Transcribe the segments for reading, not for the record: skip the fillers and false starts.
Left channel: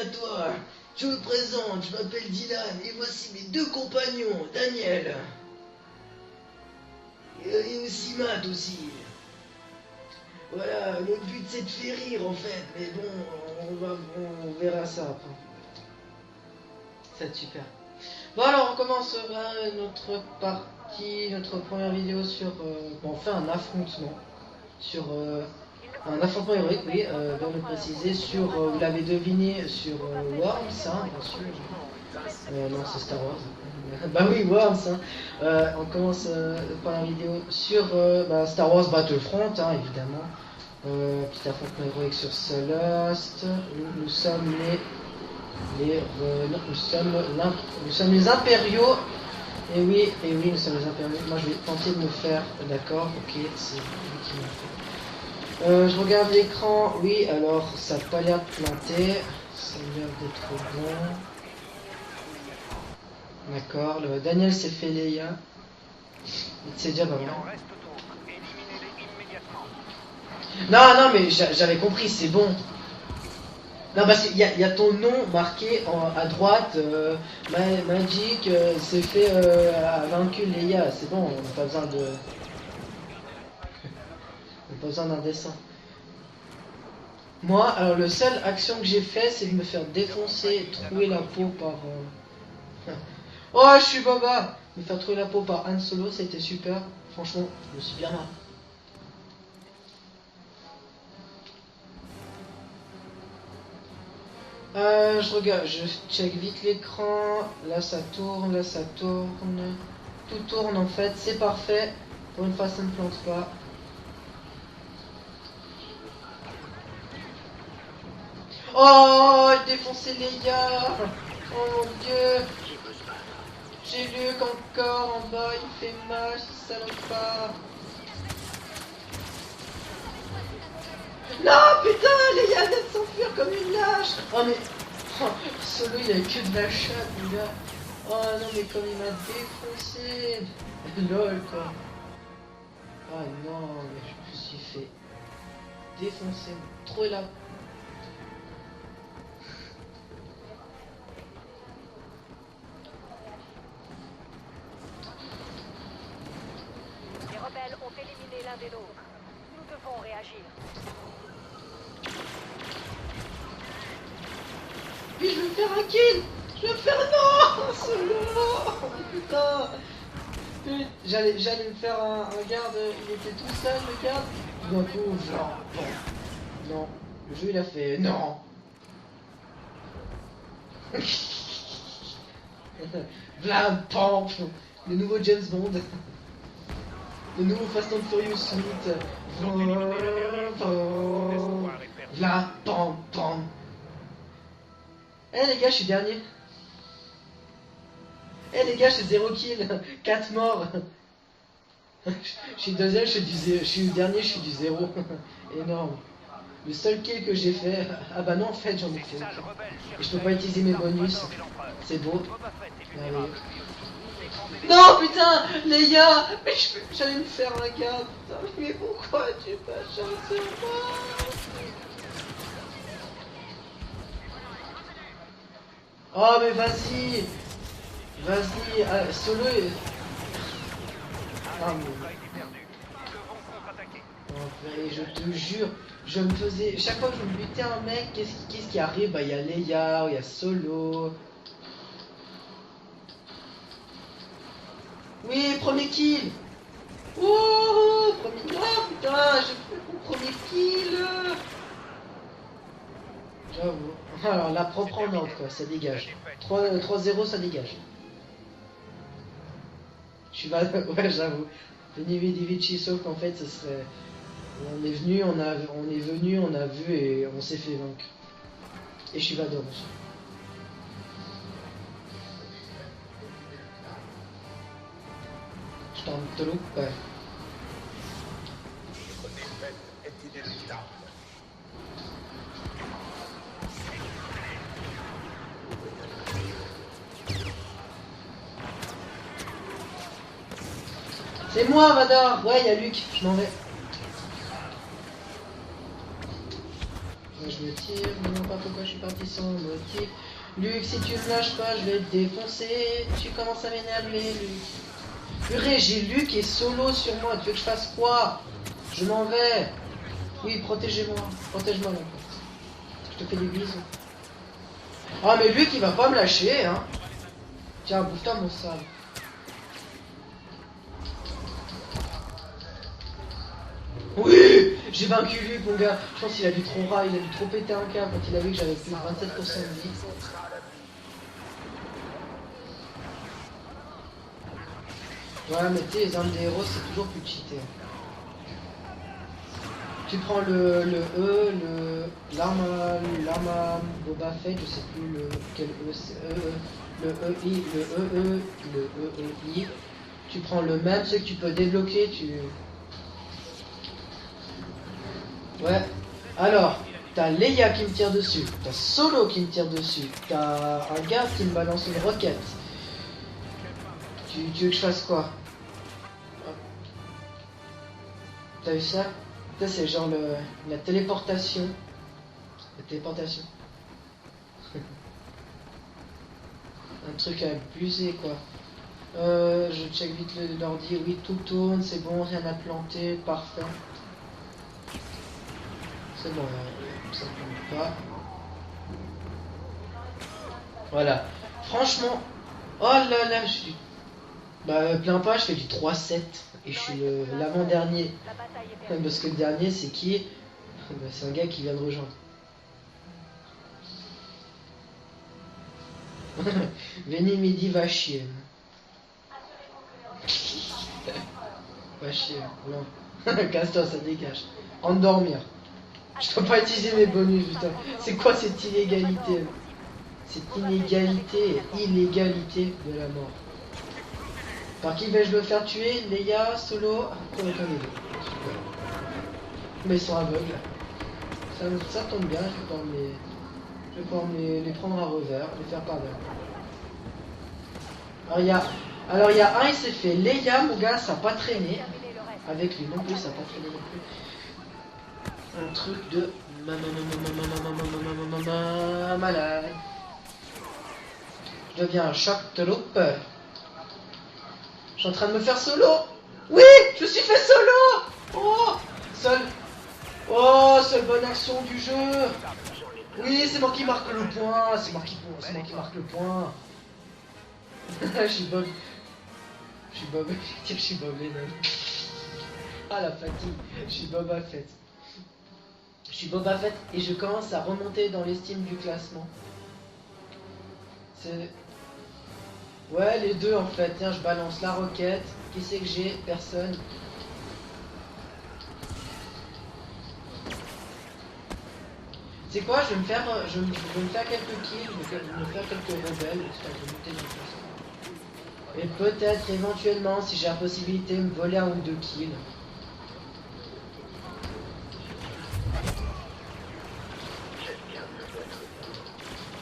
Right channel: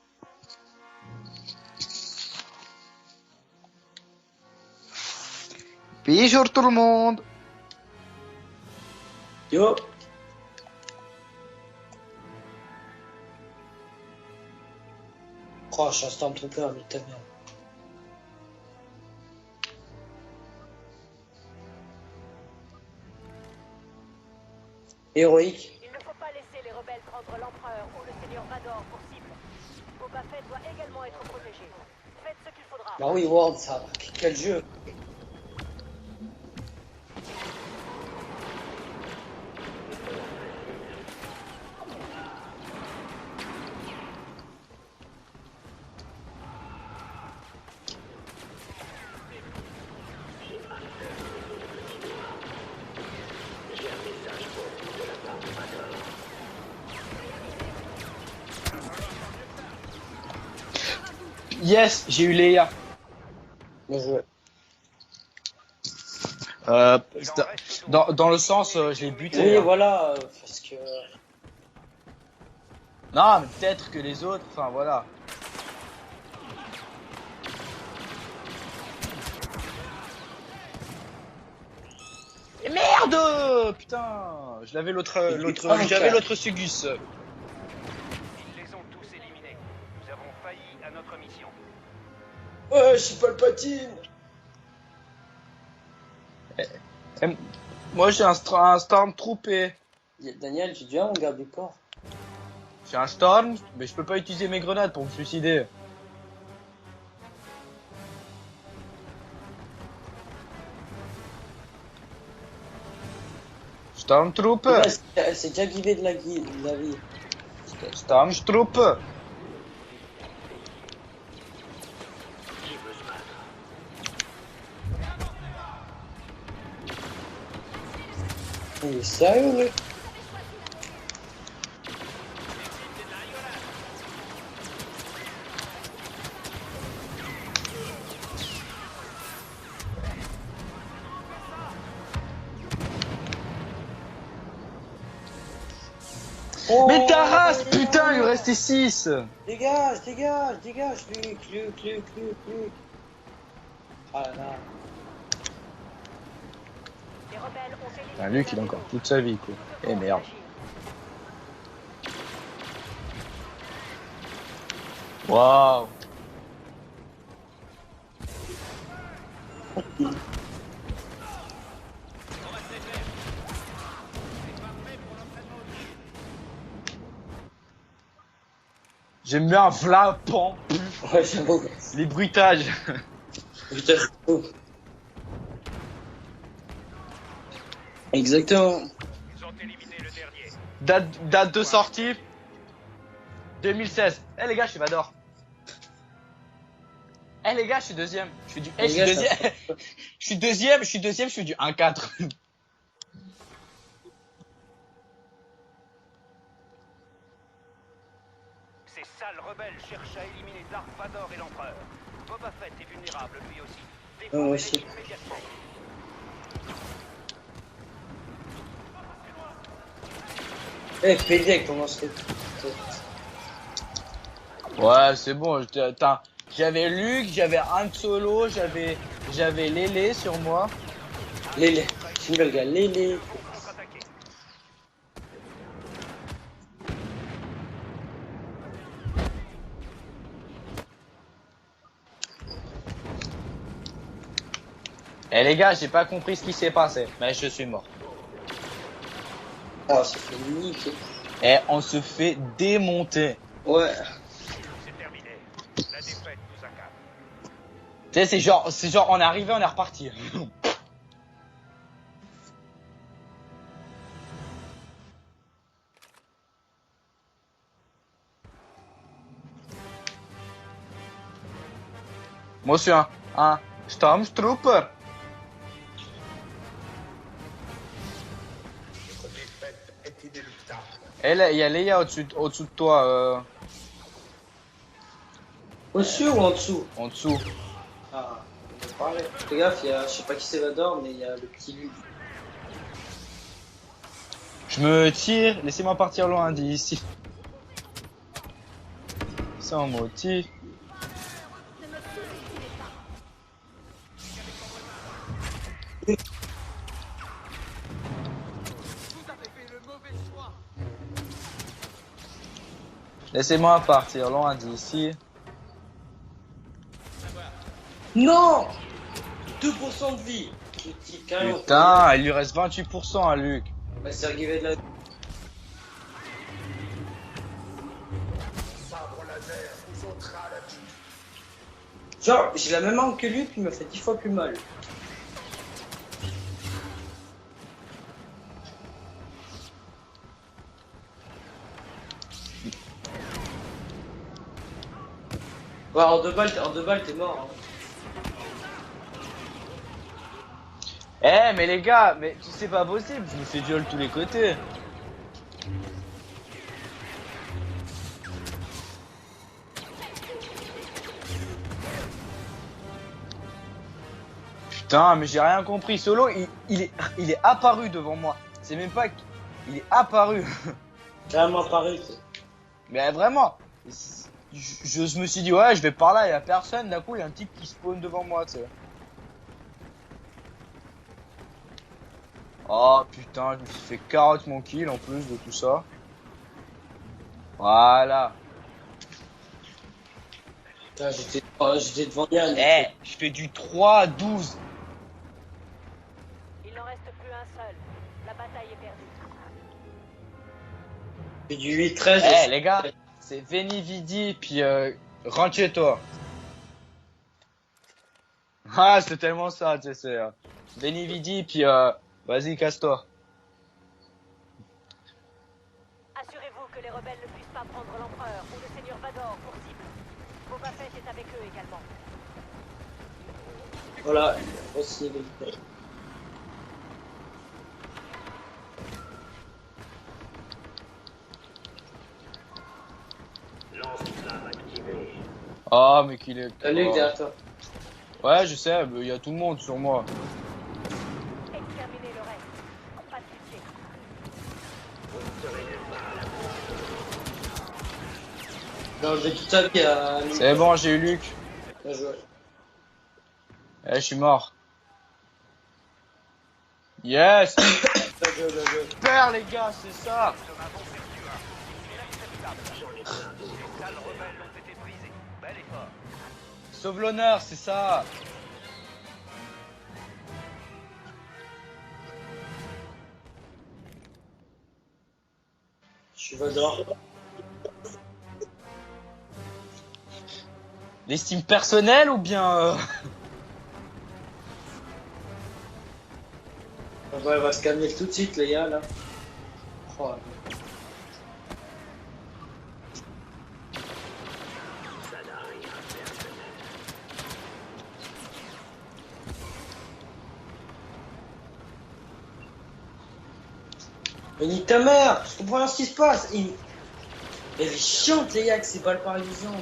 à toi. Je me présente, je m'appelle Dylan et voici mes deux compagnons, Daniel Bonjour tout le monde. et aussi Matt aussi. Yo. Voilà, notre but c'est de faire rire en fait, mais bon, on verra ça après. Oh, je suis un Stormtrooper, mais t'as C'est super. Bon alors on commence notre partie, notre première vidéo sur... on fait un affrontement sur... héroïque. Un affrontement héroïque, oui, pour le préciser, sur, vous l'avez deviné, sur Worms, hein, bien sûr. Non, c'est Ah oui, World, ça. Bah oui, Worms, hein. On commence par la vidéo sur Star Wars Battlefront, hein, évidemment. Petit affrontement héroïque sur Solast. Nous sommes nous sommes les impériaux. Et oui, nous sommes les impériaux. Moi je vais tenter de me faire, d'accord, ok, c'est je regarde l'écran, oui, alors ça n'a pas l'air de planter, ça a l'air d'être bon. Yes, j'ai eu Leia. D'accord, Daniel s'est fait Leia. Dans le sens, je l'ai buté. Oui, hein. voilà. Non, mais j'avais compris, c'est bon. Non, mais peut-être que. Non, parce qu'il y a ton voilà. nom marqué à droite, Magic s'est fait vaincu Leia, c'est bon, on n'a pas besoin de... Et merde. Putain. J'avais l'autre Sugus. Moi, alors le seul action que j'ai fait, c'est de me faire défoncer et trouver la peau par... Ouais, je suis pas le pote. Oh, je suis Baba. Me faire trouver la peau par Han Solo, ça a été super. Franchement, Moi j'ai un Stormtrooper. Daniel, j'ai déjà mon garde du corps. J'ai un Storm, mais je peux pas utiliser mes grenades. donc je c'est idée. regarde, je check vite l'écran. Là ça tourne, là ça tourne. Tout tourne en fait, c'est parfait. Pour une fois, ça ne plante pas. Stormtrooper. C'est déjà givé de la guide, vous avez. Stormtrooper. Oh, défoncer les gars. Oh mon dieu. J'ai Luke encore en bas, il fait mal, ce salopard. Il est sérieux, lui? Non, putain, les gars, elles s'enfuir comme une lâche. Oh, mais. Oh, Solo, il a que de la chatte, les gars. Oh non, mais comme il m'a défoncé. Lol, quoi. Oh non, je me suis fait défoncer. Oh, Mais ta race, putain, il restait 6. Dégage, Luke. Ah là là. Les rebelles ont fait Ah, Luc, il a encore toute sa vie, quoi. Eh merde. Mais Wow. je vais faire non, Solo. Putain. J'allais me faire un garde, je me fais tout seul, le garde. Non, non. Le jeu, il a fait non. J'aime bien Vlapan. Les bruitages. Là, Putain. le nouveau James Bond. Le nouveau Fast and Furious. Exactement. Date de sortie Là, pam. 2016. Eh les gars, je suis Vador. Eh les gars, je suis dernier. Eh les gars, je suis deuxième. Eh les gars, je suis deuxième. deuxième. Je suis du 1-4. Je suis deuxième, je suis dernier, je suis du 0. Énorme. Le seul kill que j'ai fait... Ah bah non, en fait, j'en ai fait. Je peux pas utiliser mes bonus. C'est beau. Oh, Non, putain, les gars. Mais j'allais me faire un gars, putain. Mais pourquoi tu pas chancé Eh, PD, comment c'était? Ouais, c'est bon. Oh, mais J'avais vas-y. Luke, j'avais Han Solo, Vas-y, j'avais Lélé sur moi. Lélé. Le gars, Lélé. Et je te jure, je me faisais... Chaque fois que je me butais un mec, qu'est-ce qui arrive? Bah, il y a Leia, il y a Solo... Eh les gars, premier j'ai pas kill. compris ce qui s'est passé. Mais je suis mort. Oh, premier- oh, putain, j'ai Oh, premier kill. Eh, on se fait démonter. Ouais. Alors, la propre en ordre, quoi, ça dégage. 3-0, ça dégage. Tu sais, c'est genre, on est arrivé, on est reparti. Ouais, j'avoue. Veni vidi vici, sauf qu'en fait, ce serait... On est venu, on a vu et on s'est fait vaincre. Et je suis Vador aussi. Moi, je suis un Stormtrooper. Stormtrooper. Eh, il y a Leia au-dessus de toi. Au-dessus ou en dessous? En dessous. Ah. Ouais, fais gaffe, je sais pas qui c'est Vador, mais il y a... C'est moi, Vador. Ouais, il y a Luc, je m'en vais. Je me tire, laissez-moi partir loin d'ici. Je me tire, mais non pas pourquoi je suis parti sans... sans motif. Luc, si tu me lâches pas, je vais te défoncer. Tu commences à m'énerver, Luc. Purée, j'ai Luc et solo sur moi. Tu veux que je fasse quoi? Je m'en vais. Oui, protégez-moi. Protège-moi. Je te fais des Laissez-moi bisous. partir loin d'ici. Ah, mais Luc, il va pas me lâcher, hein. Tiens, Non. putain, 2% de vie. Petit calme. Putain, il lui reste 28% à Luc. Bah, ça oui, va être- j'ai vaincu Luc, mon gars. Je pense qu'il a dû trop rare, il a dû trop péter un câble quand il a vu que j'avais plus 27% de vie. Genre, j'ai la même arme que lui, qui me fait 10 fois plus mal. Ouais, mais tu sais, les armes des héros, c'est toujours plus cheaté. Tu prends le E, l'arme à Boba Fett, je sais plus quel E. Ouais, en 2 balles, t'es mort. Le I. Tu prends le même, ce qui Eh, fait mais les débloquer, gars, tu- mais c'est pas possible, je me fais viol tous les côtés. Ouais. Alors, t'as Leia qui me tire dessus, t'as Solo qui me tire dessus, t'as un gars qui me balance une roquette. Tu veux que je fasse Putain, quoi? mais j'ai rien compris. Solo, il est apparu devant moi. T'as C'est vu même ça? pas. Ça, il c'est est genre apparu. La C'est vraiment téléportation. pareil. Mais vraiment. Je me suis dit, ouais, je vais par là, il y a personne. D'un coup, il y a un truc truc avec qui se pose musique, devant quoi. moi, tu sais. Je check vite l'ordi, oui, tout tourne, c'est bon, rien à Oh planter, putain, parfait. tu fais carotte mon kill en plus de tout ça. C'est bon, ouais, comme ça. Voilà. Voilà. Je vais te vendre un. Eh, Oh là je fais là, du je suis- 3-12. Bah, plein pas, je fais du 3-7. Et je suis l'avant-dernier. La bataille est Ouais, perdue. parce que le dernier, c'est qui? Bah, c'est un gars Puis qui. du 8-13. Eh, les gars, c'est Veni Vidi, puis rentre chez toi. Veni midi va chier. Ah, c'est tellement ça, tu sais. C'est Veni Vidi, puis Va chier. vas-y, casse-toi. Casse-toi, ça dégage. Endormir. Je peux pas utiliser mes bonus, putain. C'est quoi cette illégalité? Cette inégalité et illégalité de la mort. Voilà. Par qui vais-je le faire tuer? Leia, Solo, aucun des deux. Mais ils sont aveugles. Ça tombe bien, je vais pouvoir les prendre à revers. Oh, mais qu'il est. Salut, derrière toi. Ouais, Il y je a- sais. Alors il y a tout le un, monde il pour s'est moi. fait Leia, mon gars, ça n'a pas traîné. Terminez le reste. Avec lui non plus, ça n'a pas traîné non plus. Le truc de. Toute ta vie à. C'est bon, j'ai eu Luc. Je deviens un choc de loupe. Eh, je suis mort. Je suis en train de me faire solo. Oui, je suis Yes. fait solo. Oh, Super, les gars, c'est ça. oh, c'est bonne action du jeu. Oui, c'est moi qui marque le point. C'est moi qui marque le point. Sauve l'honneur, c'est ça. Je suis Bob. Je suis Bob. Je suis Bob les mecs. Ah la fatigue. Je suis Boba Fett. Je suis Boba Fett et je commence à remonter dans l'estime du classement. L'estime personnelle ou bien. Ouais, les deux en fait. Tiens, je balance la roquette. Qui c'est que j'ai? Personne. Ouais, on va se calmer tout de suite, les gars, là. Oh. C'est quoi? Je vais me faire quelques kills. Je vais me faire quelques rebelles. Et peut-être éventuellement, si j'ai la possibilité, me voler un ou deux kills. Mais nique ta mère! Je comprends rien ce qui se passe! Elle est chiante, les gars, que c'est pas le pareil des gens.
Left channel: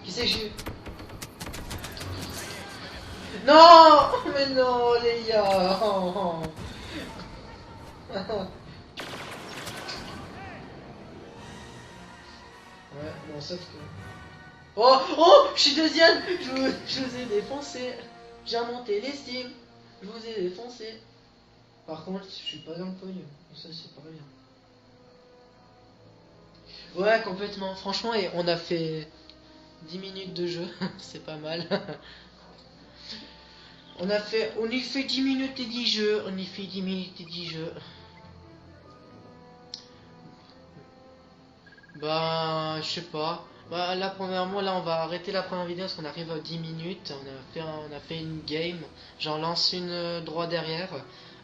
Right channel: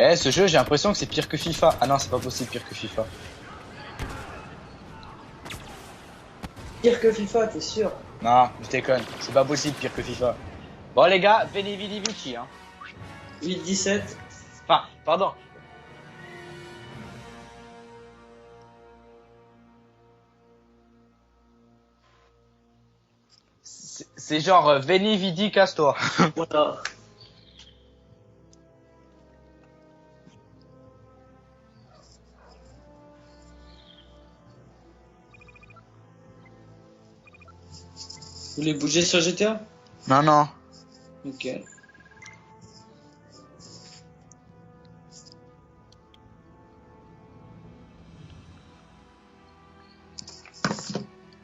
Eh, ce jeu, j'ai l'impression que c'est pire que FIFA. Ah non, c'est pas possible, pire que FIFA. Non! Mais non, les gars! Oh, oh. Pire que FIFA, t'es sûr? Non, je déconne. C'est pas possible, pire que FIFA. Bon, les gars, Veni Vidi Vici, hein. Ouais, merci. 8-17. Ah, Oh, pardon. oh, je suis deuxième. Je vous ai défoncé. J'ai remonté l'estime. Je vous ai défoncé. Par contre, je suis pas dans le pognon. Ça, c'est pas bien. C'est genre Veni Vidi, casse-toi. Voilà. Ouais, complètement. Franchement, et on a fait 10 minutes de jeu. C'est pas mal. On y fait 10 minutes et 10 jeux. On y fait 10 minutes et 10 jeux. Vous voulez bouger sur GTA? Non, non. Ok. Bah, je sais pas. Bah, là, premièrement, là, on va arrêter la première vidéo parce qu'on arrive à 10 minutes. On a fait une game. J'en lance une droit derrière.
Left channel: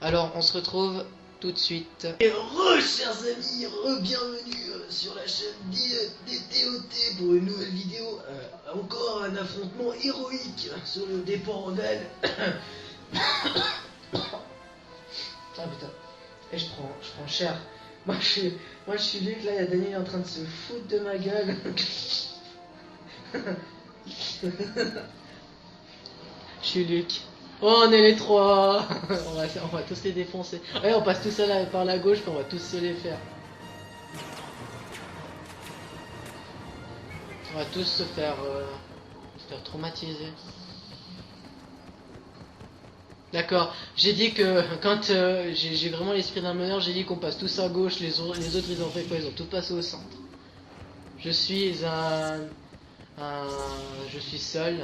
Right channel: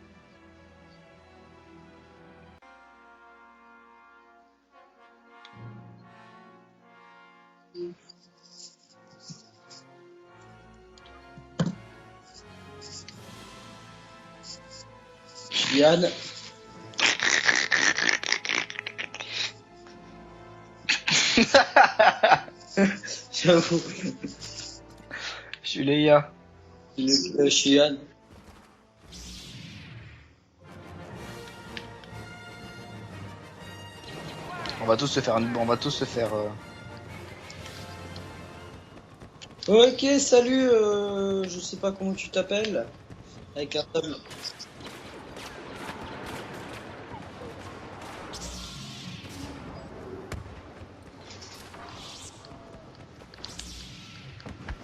Alors, on se retrouve tout de suite. Et chers amis, bienvenue sur la chaîne des TOT pour une nouvelle vidéo. Encore un affrontement héroïque sur le dépôt rebelle. Je suis Yann. Et je prends. Moi, je suis Luc, là, il y a Daniel en train de se foutre de ma gueule. J'avoue. Je suis Leia. Je suis Luc. Le Oh, chien. on est les trois. On va tous les défoncer. Ouais, on passe tous à la, par la gauche, on va tous se les faire. On va tous se faire. On va tous se faire. On va tous se faire. Ok, salut, je sais pas comment tu t'appelles. D'accord. Avec un J'ai tableau. dit que quand j'ai vraiment l'esprit d'un meneur, j'ai dit qu'on passe tous à gauche, les autres ils ont fait quoi? Ils ont tout passé au centre. Je suis je suis seul.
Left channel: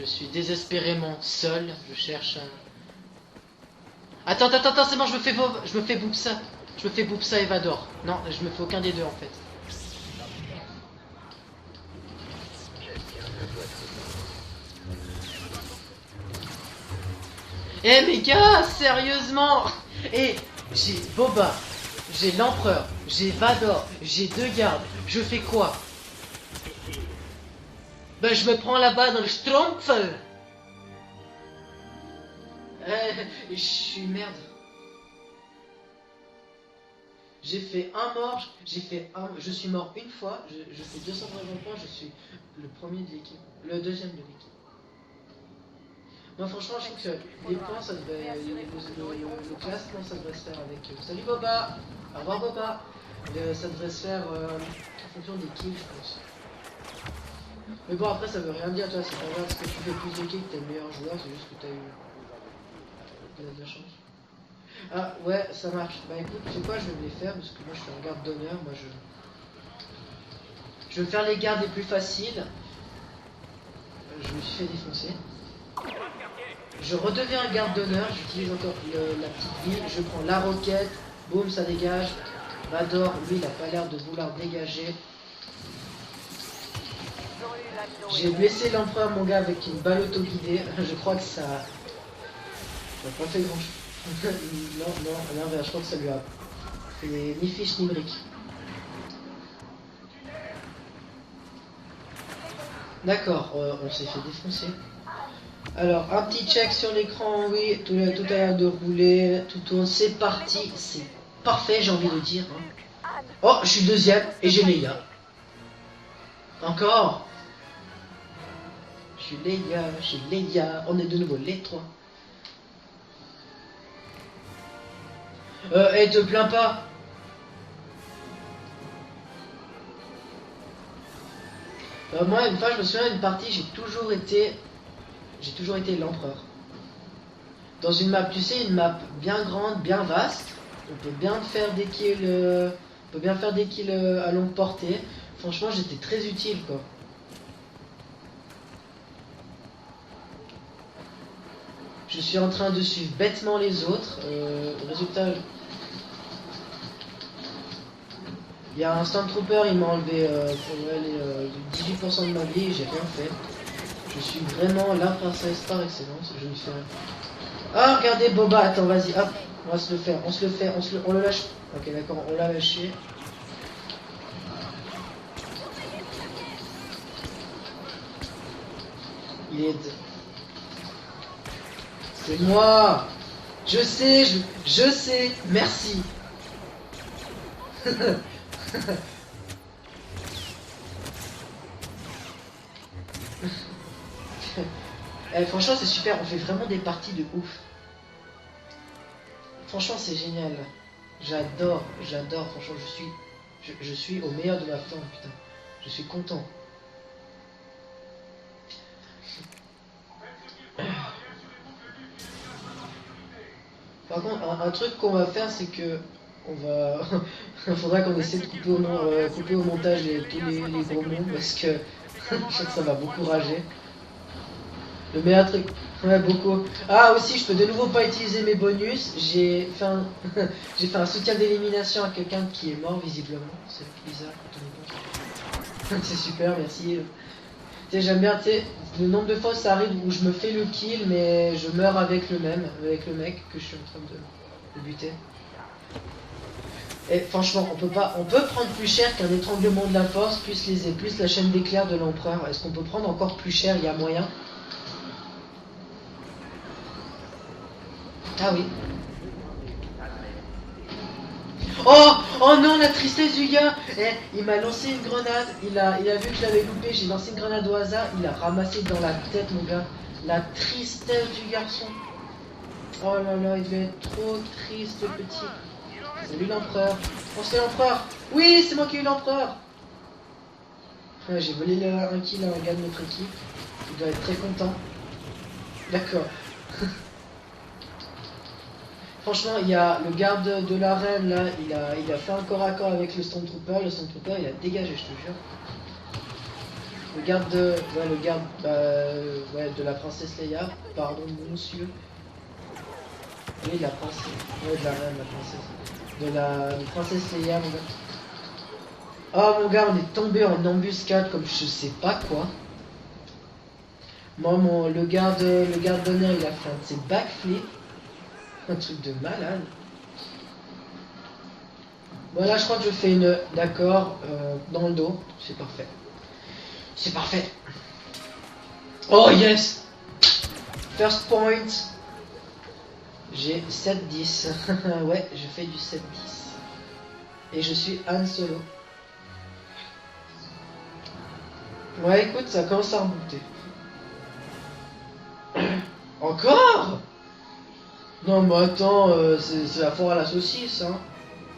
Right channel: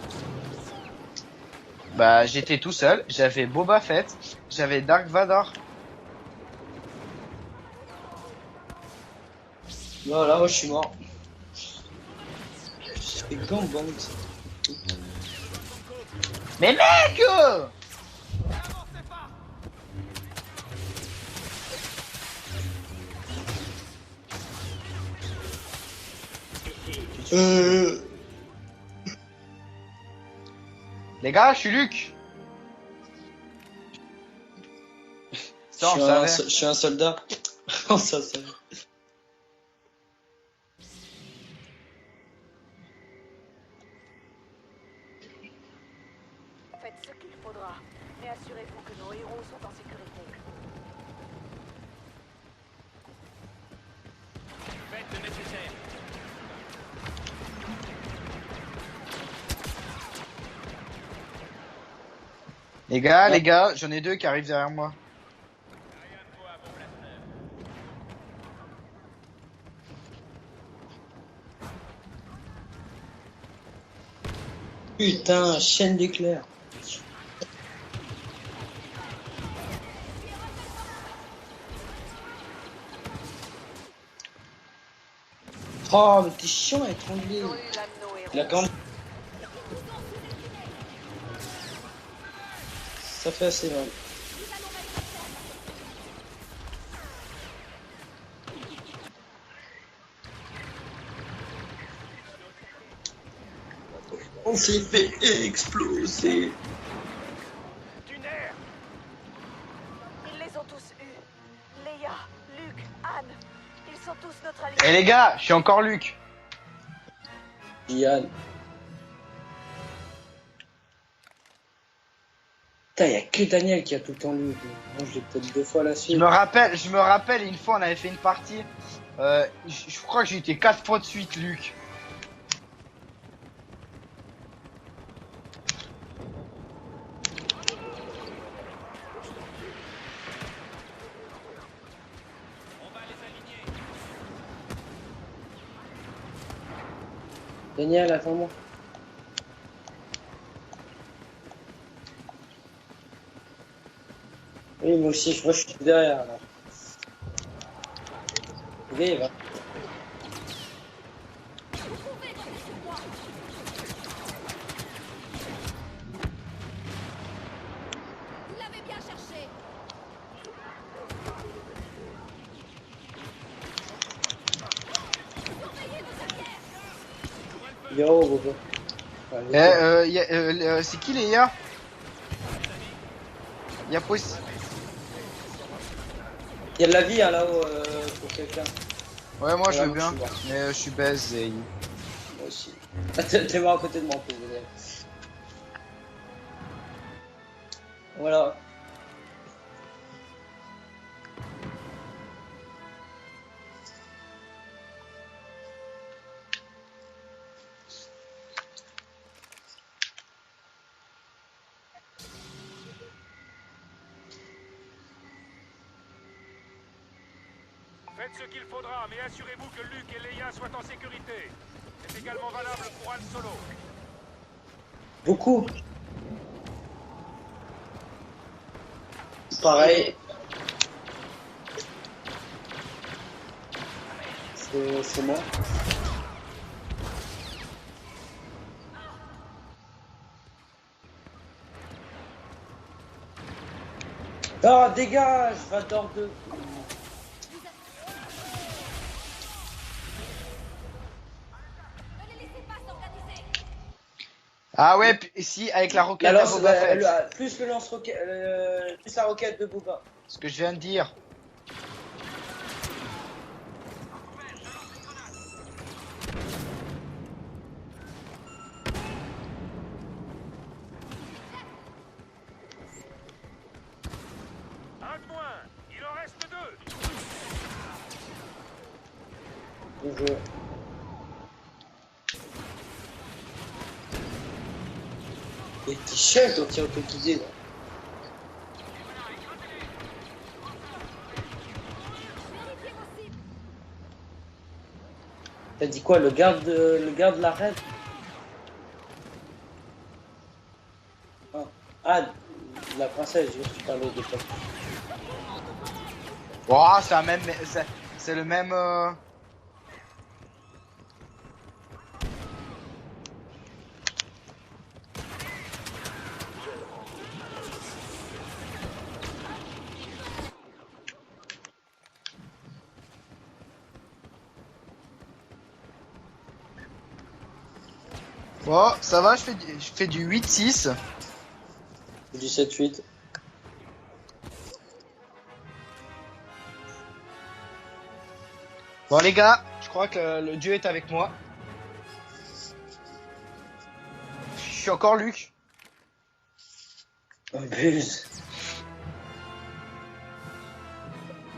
Je suis désespérément seul. Bah, Je- j'étais tout seul. J'avais Boba Fett. Attends, J'avais c'est bon, Dark Vador. je me fais Boopsa. Je me fais Boopsa et Vador. Non, je me fais aucun des deux en fait. Voilà, moi je suis mort. C'était quand ou bon, Mais mec Eh les gars, sérieusement. Et j'ai Boba, j'ai l'empereur, j'ai Vador, j'ai deux gardes. Je fais quoi? Ben je me prends là-bas dans le Schtroumpf. Les gars, je suis Luc. Je suis merde. Ça, on le savait. Je suis un soldat. J'ai fait Oh, un ça, mort, ça. j'ai fait un, je suis mort une fois, je fais 230 points, je suis le premier de l'équipe, le deuxième de l'équipe. Non franchement je trouve que les points ça devait, Réassurez-vous que nos héros sont en classe, non, ça devrait se faire avec, salut Boba, au revoir Boba, ça devrait se faire tout le de kills je pense. Mais bon après ça veut rien dire toi, si tu regardes ce que tu fais plus de kills que le meilleur joueur, c'est juste que t'as eu. Les gars, j'en ai deux qui arrivent derrière moi. Ah ouais, ça marche. Bah écoute, tu sais quoi, je vais les faire parce que moi je suis en garde d'honneur. Moi je vais faire les gardes les plus faciles. Je me suis fait défoncer. Putain, chaîne d'éclairs. Je redeviens un garde d'honneur, j'utilise encore la petite ligne, je prends la roquette, boum, ça dégage. Vador, lui, il a pas l'air de vouloir dégager. Oh, mais t'es chiant avec ton Ils livre. ont eu l'un de nos J'ai héros. blessé l'empereur, mon gars, avec une balle auto-guidée. Je crois que ça. Ça fait assez mal. non, je crois que ça lui a. C'est ni fiche ni brique. D'accord, on s'est fait défoncer. On s'est fait Alors, un petit exploser. check sur l'écran, oui, tout a l'air de rouler, tout tourne, c'est parti, c'est parfait, j'ai envie de dire. Luc, Anne, Oh, je suis deuxième et j'ai les Mais les gars, je suis encore Luc. Encore. Diane. Je suis les gars, on est de nouveau les trois. Putain, y'a que Daniel qui a tout le temps lu. Moi, je l'ai peut-être deux fois. et aussi. de- Je me rappelle, une fois on avait fait une partie. Je crois que j'ai été 4 fois de suite Luc. Moi, une fois, je me souviens d'une partie, j'ai toujours été l'empereur. Dans une map, tu sais, une map bien grande, bien vaste, on peut bien faire des kills, à longue portée. Franchement, j'étais très utile, quoi. Daniel, attends-moi. Je suis en train de suivre bêtement les autres. Oui, moi aussi, moi je suis derrière. Là. Il y a un Oui, Stormtrooper, il m'a enlevé les, 18% de ma vie et j'ai rien fait. Je suis vraiment là par excellence. Je me suis Ah, regardez Boba, attends, vas-y, hop, on va se le faire, on le lâche. Ok, d'accord, on l'a lâché. Yo, Bobo. C'est qui les gars? C'est moi. Je Y a sais, possible. je sais, merci. Y'a de la vie hein, là-haut. Quelqu'un. Ouais, moi je veux Ouais, bien. moi, je suis Mais je suis baise. Moi aussi. Attends, je vais voir à côté de moi. Franchement, c'est super, on fait vraiment des parties de ouf. Voilà. Franchement, c'est génial. J'adore, franchement, je suis au meilleur de ma forme, putain. Je suis content. Par contre, un truc qu'on va faire, c'est que on va, faudra qu'on essaie de couper au montage tous les gros mots parce que ça va beaucoup rager. Le meilleur truc, ouais beaucoup. Ah aussi, je peux de nouveau pas utiliser mes bonus. J'ai Pareil. j'ai fait un soutien d'élimination à quelqu'un qui est mort visiblement. C'est bizarre. C'est moi. C'est super, merci. Tu sais, j'aime bien, tu sais, le nombre de fois ça arrive où je me fais le kill, mais je meurs avec le mec que je suis en train de. Ah, dégage, Vador 2. Et franchement, on peut prendre plus cher qu'un étranglement de la force, plus la chaîne d'éclair de l'empereur. Est-ce qu'on peut prendre encore plus cher? Il y a moyen. Ah ouais, si, avec la roquette Alors, à Boba Fett. plus le lance-roquette. Ah oui. Plus la roquette de Boba. Ce que je viens de dire. Oh, oh non, la tristesse du gars. Eh, il m'a lancé une grenade. Il a vu que je l'avais coupé. J'ai lancé une grenade au hasard. Il a ramassé dans la tête, mon gars. La tristesse du garçon. Oh là là, il devait être trop triste, le petit. Salut l'empereur. Oh, c'est l'empereur. Oui, c'est moi qui ai eu l'empereur. Bonjour. Ouais, j'ai volé un kill à un gars de notre équipe. Il doit être très content. Et D'accord. chef, donc tu peux quitter. Franchement, il y a le garde de l'arène là, il a fait un corps à corps avec le Stormtrooper. Le Stormtrooper il a dégagé, je te jure. T'as dit quoi, le garde de la reine? Ouais, le garde ouais, de la princesse Leia. Pardon, monsieur. Ah, la princesse, je Oui, dis la la princesse. Ouais, de la reine, la princesse. De la. Oh, princesse c'est la même. Leia. C'est le même. Oh mon gars, on est tombé en embuscade comme je sais pas quoi. Moi, le garde d'honneur, il a fait un de ses backflips. Un truc de malade. Voilà, je crois que je fais une. D'accord, dans le dos. C'est parfait. C'est parfait. Oh, ça Oh, va, yes. je fais du 8-6. First point. Du 7-8. J'ai 7-10. Ouais, je fais du 7-10. Et je suis Han Solo. Bon, les gars, je crois que le dieu est avec moi. Ouais, écoute, ça commence à remonter. Je suis encore Luc. Encore? Oh, buse. Non, mais attends, c'est la foire à la saucisse, hein.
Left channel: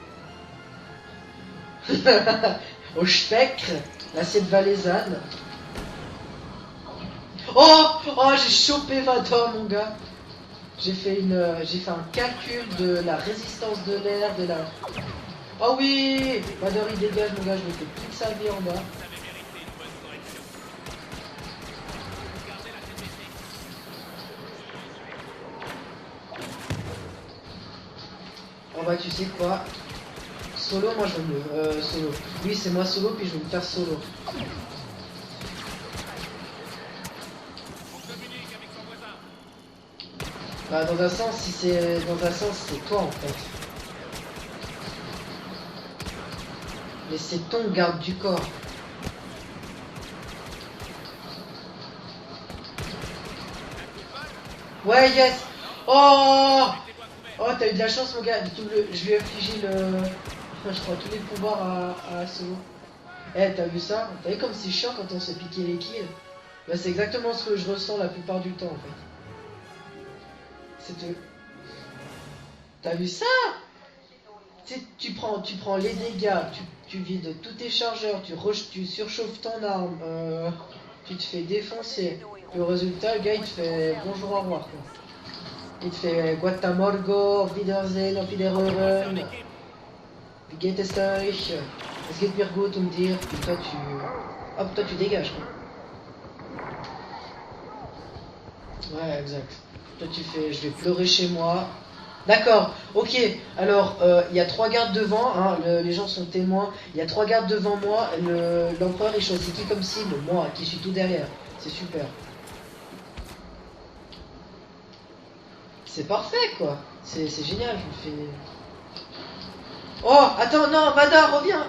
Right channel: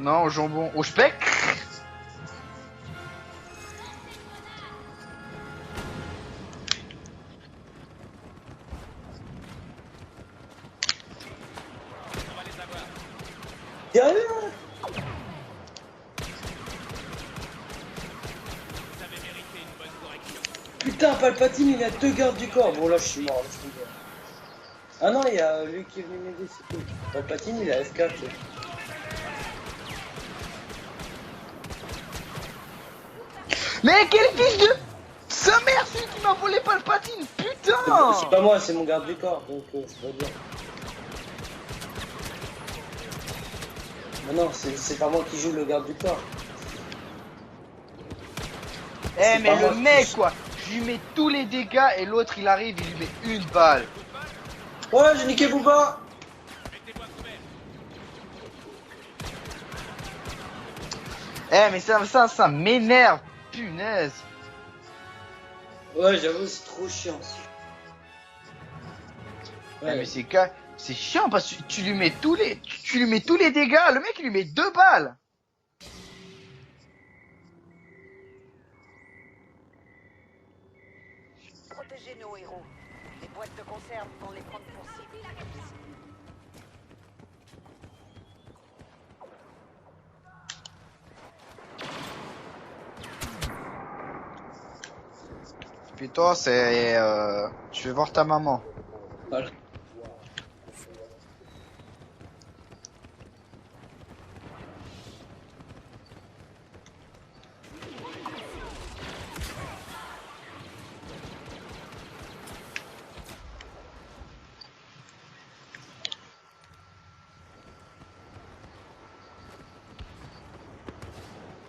Non, au jambon. Au speck. Au spectre, l'assiette valaisanne. Oh, oh, j'ai chopé Vador, mon gars. J'ai fait un calcul de la résistance de l'air de la. Oh oui, Vador il dégage, mon gars, je me fais plus de sa vie en bas. Putain, Palpatine, il a 2 gardes du corps. Bon, là, je suis mort. Ah non, il y a lui qui est venu m'aider. Palpatine, il a F4. On va, tu sais quoi? Solo, moi je veux. Solo. Oui, c'est moi solo, puis je vais me faire solo. Mais quel fils de. Sa mère, il m'a volé Palpatine, putain. C'est pas moi, c'est mon garde du corps, donc c'est pas bien. Bah, dans un sens, si c'est. Dans un sens, c'est toi en fait. Ah non, c'est pas moi qui joue le garde du corps. Mais c'est ton garde du corps. Eh, mais pas le moi. mec, quoi. Je lui mets tous les dégâts et l'autre il arrive, il lui met une balle. Ouais, il y a. Niquez Booba. Oh! Oh, t'as eu de la chance, mon gars. Je lui ai infligé le. Je crois tous les pouvoirs. Eh, mais ça m'énerve. Eh, t'as vu ça? Punaise. Vous voyez comme c'est chiant quand on se piquait les kills? Ouais, j'avoue, Ouais, trop c'est exactement ce que je ressens la plupart du temps. En fait. Eh, Ouais. mais c'est chiant parce que tu lui mets tous les. T'as Tu lui vu mets ça? tous les dégâts, le mec il lui met 2 balles. Tu prends les dégâts, tu vides tous tes chargeurs, tu surchauffes ton arme, tu te fais défoncer. Le résultat, le gars il te fait bonjour au revoir. Quoi. Il te fait Guatamorgo, auf Wiedersehen, auf Wiederhören. Wie geht es euch? Es geht mir gut und dir. Et toi tu. Hop, toi tu dégages. Quoi. Puis toi, c'est. Je vais voir ta maman. Ouais, exact. Toi tu fais je vais pleurer chez moi. D'accord, ok. Alors, il y a 3 gardes devant, hein, les gens sont témoins. Il y a 3 gardes devant moi. L'empereur il choisit qui comme cible? Moi qui suis tout derrière. C'est super. C'est parfait quoi. C'est génial. Je me fais. Oh, attends, non, Vador, reviens.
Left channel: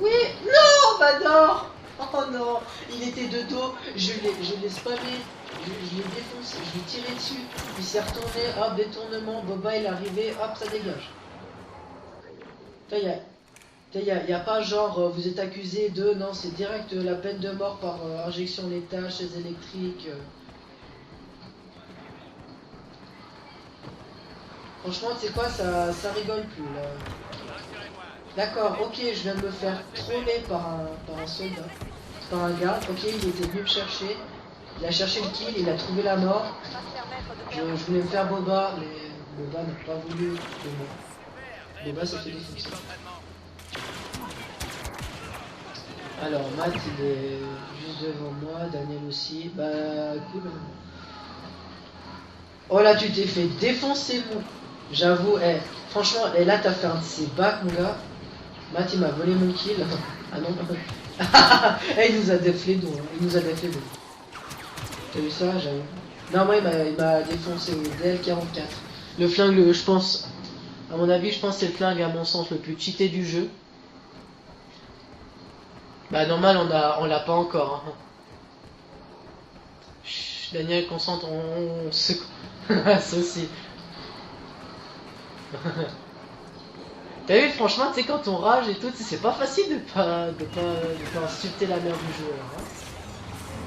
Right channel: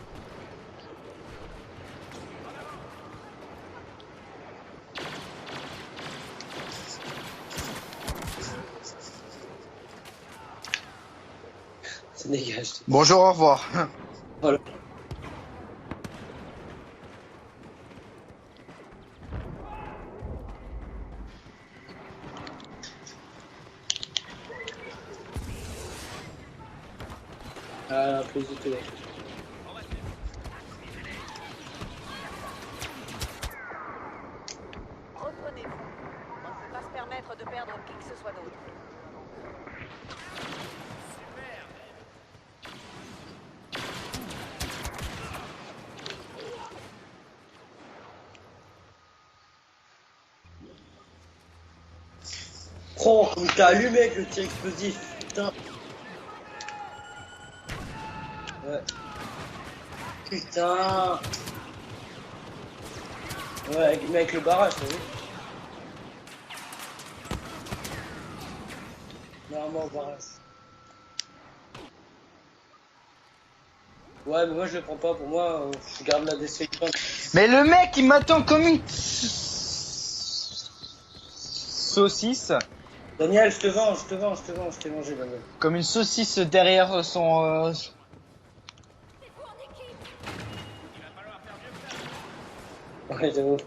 Oui, non, Vador. Oh non, il était de dos. Je l'ai spammé. Je l'ai défoncé. Je l'ai tiré dessus. Il s'est retourné. Hop, détournement. Boba il est arrivé. Hop, ça dégage. Ça dégage. Bonjour, au revoir. Il y a pas genre vous êtes accusé de. Non, c'est direct la peine de mort par injection létale, chaise électrique. Franchement, c'est quoi ça rigole plus là. D'accord, ok, je viens de me faire troller par un soldat. Par un gars, ok, il était venu me chercher. Il a cherché le kill, il a trouvé la mort. Va se permettre de Je perdre. voulais me faire Boba, mais Boba n'a pas voulu. Boba s'est fait défoncer. Alors, Matt il est juste devant moi, Daniel aussi. Bah, cool. Oh là, tu t'es fait t'as allumé avec défoncer. le tir explosif. J'avoue, franchement, et là t'as fait un de ces bacs, mon gars. Matt il m'a volé mon kill. Putain. Il nous a déflé d'eau. Il nous a déflé d'eau. Ouais, mais avec le barrage, t'as vu. T'as vu ça, j'avoue. Non, moi il m'a défoncé DL44. Le flingue, je pense, à mon avis, je pense que c'est le flingue, à mon sens, le plus cheaté du jeu. Ouais, mais moi je le prends pas, pour moi, je Bah, garde normal, on l'a pas Mais le encore. mec il m'attend comme une. Daniel, concentre, on... Saucisse. Daniel, je te vends, je t'ai mangé Daniel. Comme une saucisse derrière son. T'as vu, franchement, tu sais, quand on rage et tout, c'est pas facile de pas insulter la mère du joueur. Hein. Ouais, de ouf.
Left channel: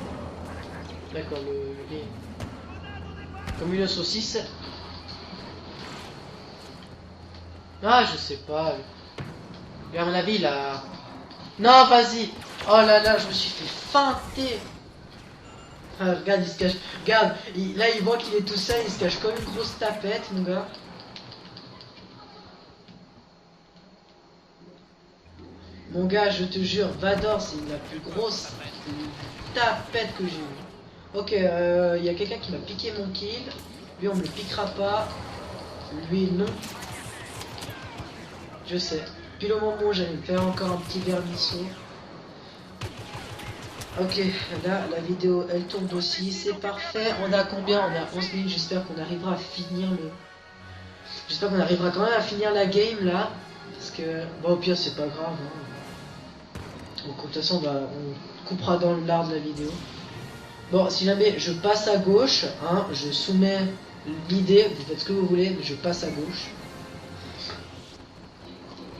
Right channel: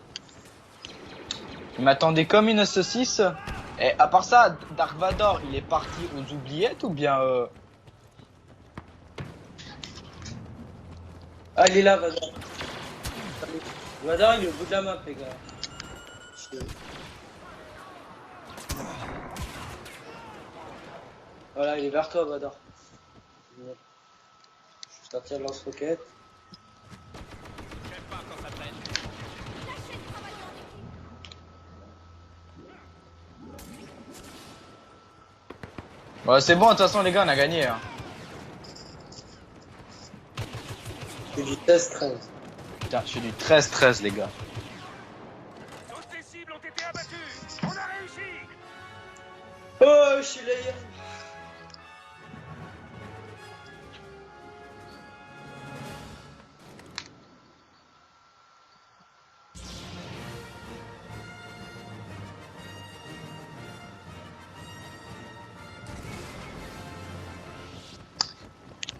D'accord, Il m'attendait comme une saucisse. Comme une Et à part saucisse. ça, Dark Vador, il est parti aux oubliettes ou bien Ah, je sais pas. Mais à mon avis, il a... Ah, non, lui, là, vas-y. Oh là là, je me suis Vador, il est feinté. au bout de la map, les gars. Ah, regarde, il se cache. Regarde, là, il voit qu'il est tout seul, il se cache comme une grosse tapette, mon gars. Voilà, il est vers toi, Vador. Je sortir le lance-roquette. Mon gars, je te jure, Vador, c'est la plus grosse tapette que j'ai vue. Ok, il y a quelqu'un qui m'a piqué mon kill. Lui, on me le piquera pas. Lui, Ouais, non. c'est bon, de toute façon, les gars, on a gagné. Hein. Je sais. Puis le moment où j'allais me faire encore un petit verre C'est d'ici. du test 13. Putain, je suis du 13-13, les Ok, gars. là, la vidéo, elle tourne aussi, c'est parfait. On a combien? On a 11 minutes, j'espère qu'on arrivera à finir. Oh, je suis là. J'espère qu'on arrivera quand même à finir la game, là. Parce que, bon, au pire, c'est pas grave. Hein. Donc, de toute façon, bah, on coupera dans l'art de la vidéo. Bon, si jamais je passe à gauche, hein, je soumets l'idée, vous faites ce que vous voulez, mais je passe à gauche.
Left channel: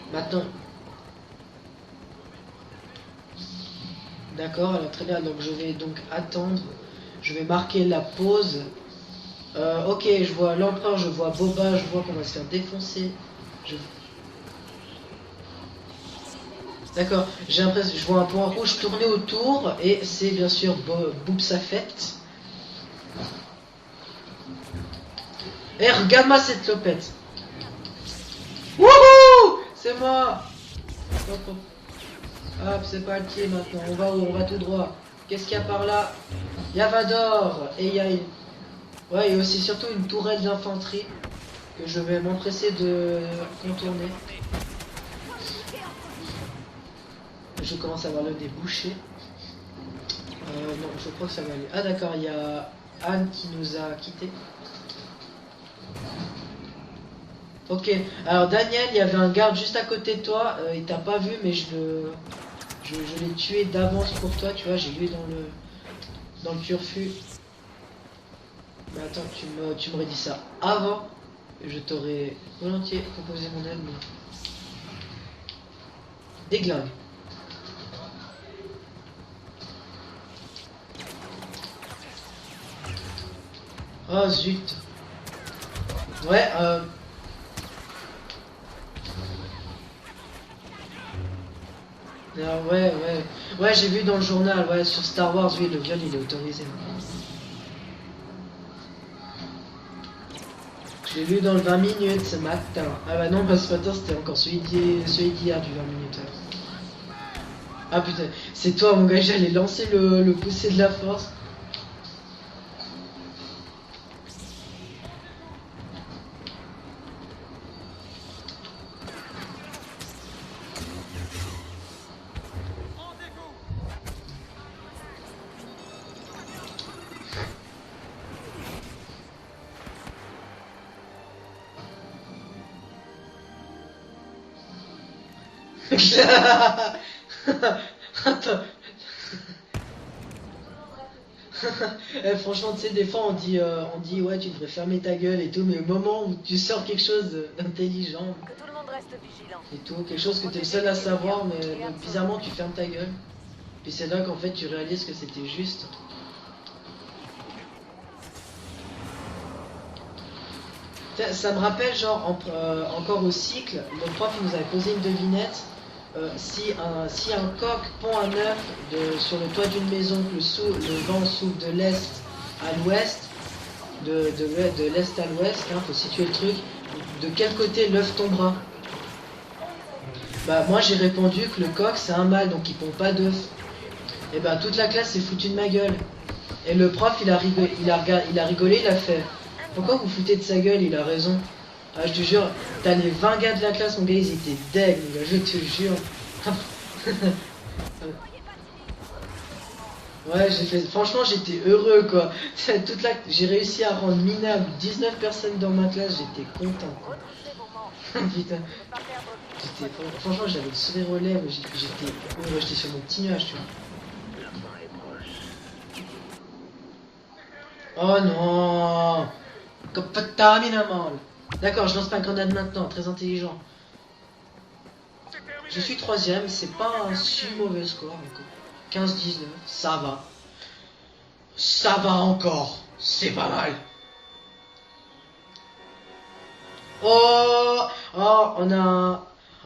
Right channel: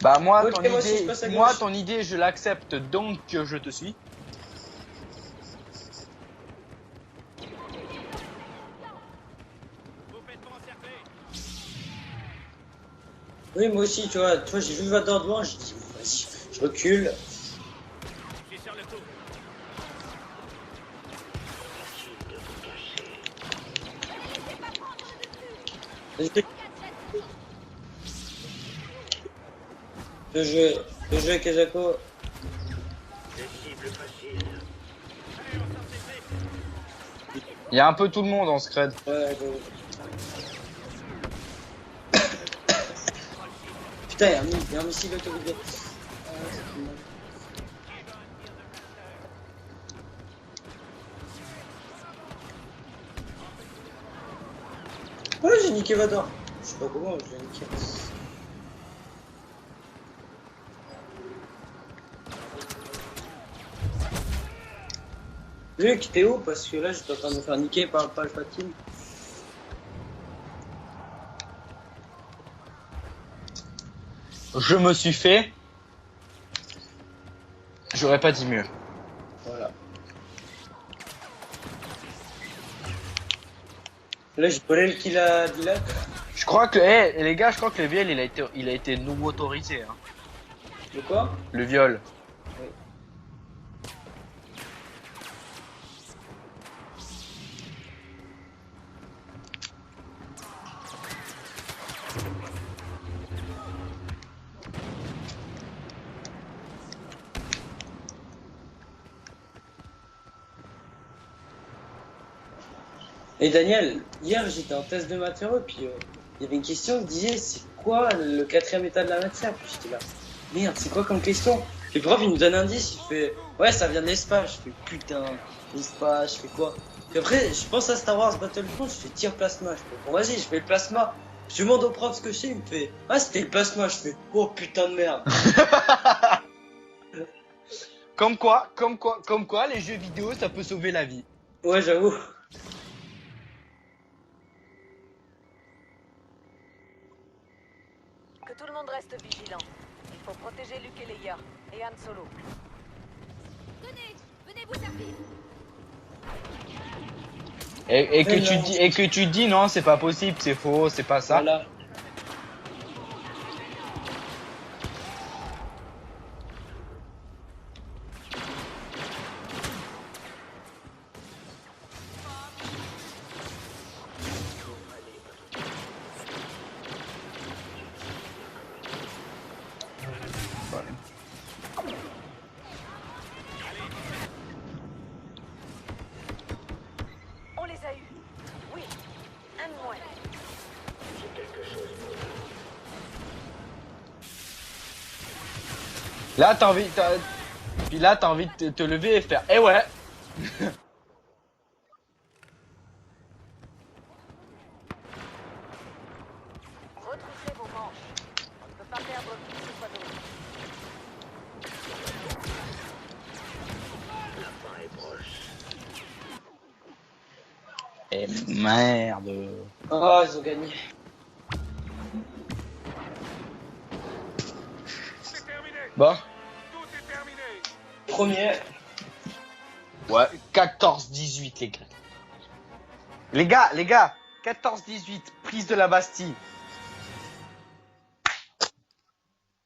Bah, moi, Ok, moi aussi, je passe à gauche. ton idée, je l'accepte, donc je te suis. D'accord, alors très bien, donc je vais donc attendre. Je vais marquer la pause. Ok, je vois l'empereur, je vois Boba, je vois qu'on va se faire défoncer. Oui, moi aussi, tu vois, j'ai vu Vador devant, j'ai dit, vas-y, je recule. D'accord, j'ai l'impression, je vois un point rouge tourner autour et c'est bien sûr Boops Affect. Et regarde-moi cette clopette. Wouhou! C'est moi! De jouer Kezako. Hop, c'est parti maintenant, on va tout droit. Qu'est-ce qu'il y a par là? Il y a Vador. Il y a un Et peu tout le monde en scred. Ouais, et aussi surtout une tourelle d'infanterie que je vais m'empresser de contourner. Putain, il y a un missile autorisé. Je commence à avoir le débouché. Non, je crois que ça va aller. Ah d'accord, il y a Anne qui nous a quittés. Ouais, j'ai niqué Vador. Je sais pas comment, je l'ai niqué. Ok, alors Daniel, il y avait un garde juste à côté de toi. Il t'a pas vu, mais je l'ai tué d'avance pour toi, tu vois, j'ai vu dans le... Luc, t'es où? Parce que Sur là, je suis en Fuse. train de me faire niquer par le Palpatine. Mais attends, tu m'aurais dit ça avant. Je t'aurais volontiers proposé mon aide, mais... Je me suis fait, Déglingue. j'aurais pas dit mieux. Voilà. Oh, Là, je zut. connais le kill à Dylan. Ouais, Je crois que, les gars, je crois que le viol, il a été double autorisé. Hein. De quoi? Le viol. ouais, ouais, j'ai vu dans le journal, ouais, sur Star Wars, oui, le viol il est autorisé. Je l'ai vu dans le 20 minutes ce matin. Ah bah non, parce que ce matin c'était encore celui d'hier du 20 minutes. Ah putain, c'est toi mon gars, j'allais lancer le poussé de la force. Et Daniel, hier j'étais en test de matière et puis il y avait une question qui disait c'est quoi le 4ème état de la matière? Puis j'étais là, merde, c'est quoi comme question? Et le prof il nous donne un indice, il fait ouais, ça vient de l'espace. Je fais putain, l'espace, je fais quoi? Et après, je pense à Star Wars Battlefront, je fais tir plasma. Je fais bon, vas-y, je fais le plasma. Je demande au prof ce que c'est, il me fait ah, c'était le plasma. Je fais oh putain de merde. Comme quoi, les jeux vidéo, ça peut sauver la vie. Ouais, j'avoue. Franchement, tu sais, des fois on dit ouais, tu devrais fermer ta gueule et tout, mais au moment où tu sors quelque chose d'intelligent Que tout le monde reste vigilant. et tout, quelque chose que tu es le seul à savoir, mais bizarrement tu fermes ta gueule. Et c'est là qu'en fait tu réalises que c'était juste. Et que tu dis non, c'est pas possible, c'est faux, c'est pas ça. Ça me rappelle genre encore au cycle, le prof nous avait posé une devinette. Si un coq pond un œuf sur le toit d'une maison, que le vent souffle de l'est à l'ouest, de l'est à l'ouest, hein, faut situer le truc, de quel côté l'œuf tombera? Bah moi j'ai répondu que le coq c'est un mâle, donc il pond pas d'œuf. Et bah toute la classe s'est foutu de ma gueule. Et le prof il a rigolé, il a fait pourquoi vous foutez de sa gueule, il a raison. Ah, je te jure, t'as les 20 gars de la classe, mon gars, ils étaient deg, mon gars, je te jure. Là, t'as envie de te lever et faire eh ouais. Ouais, franchement, j'étais heureux, quoi. J'ai réussi à rendre minable 19 personnes dans ma classe, j'étais content. Retroussez vos manches. Putain, On ne peut pas perdre plus de fois de franchement, j'avais le sourire aux lèvres, j'étais sur mon petit nuage, tu vois. Oh non. Merde. Ah, T'as mis la main. D'accord, je lance ma grenade maintenant, très intelligent. Je suis Bon. troisième, c'est pas un si mauvais score. Premier. 15-19, ça va. Ouais, 14-18 les gars. Ça va encore. C'est Les pas gars, mal. les gars, 14-18, prise de la Bastille. Oh, oh,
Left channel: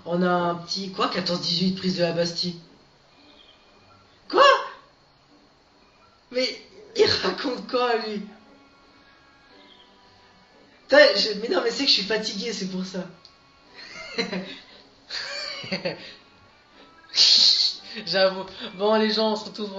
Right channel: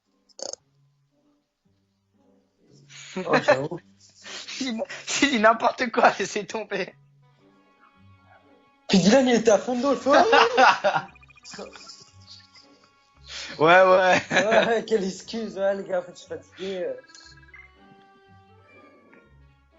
on a un petit quoi 14-18 prise de la Bastille. Oh, j'avoue. C'est dit n'importe quoi, Mais- laissez tomber. Il raconte quoi lui? Puis Dylan, il était à fond dedans, il faut. Putain, mais non mais c'est que je suis fatigué, c'est pour ça. Ouais, ouais. Ouais, quelle excuse, ouais, les gars, je suis fatigué. J'avoue. Bon les gens, on se retrouve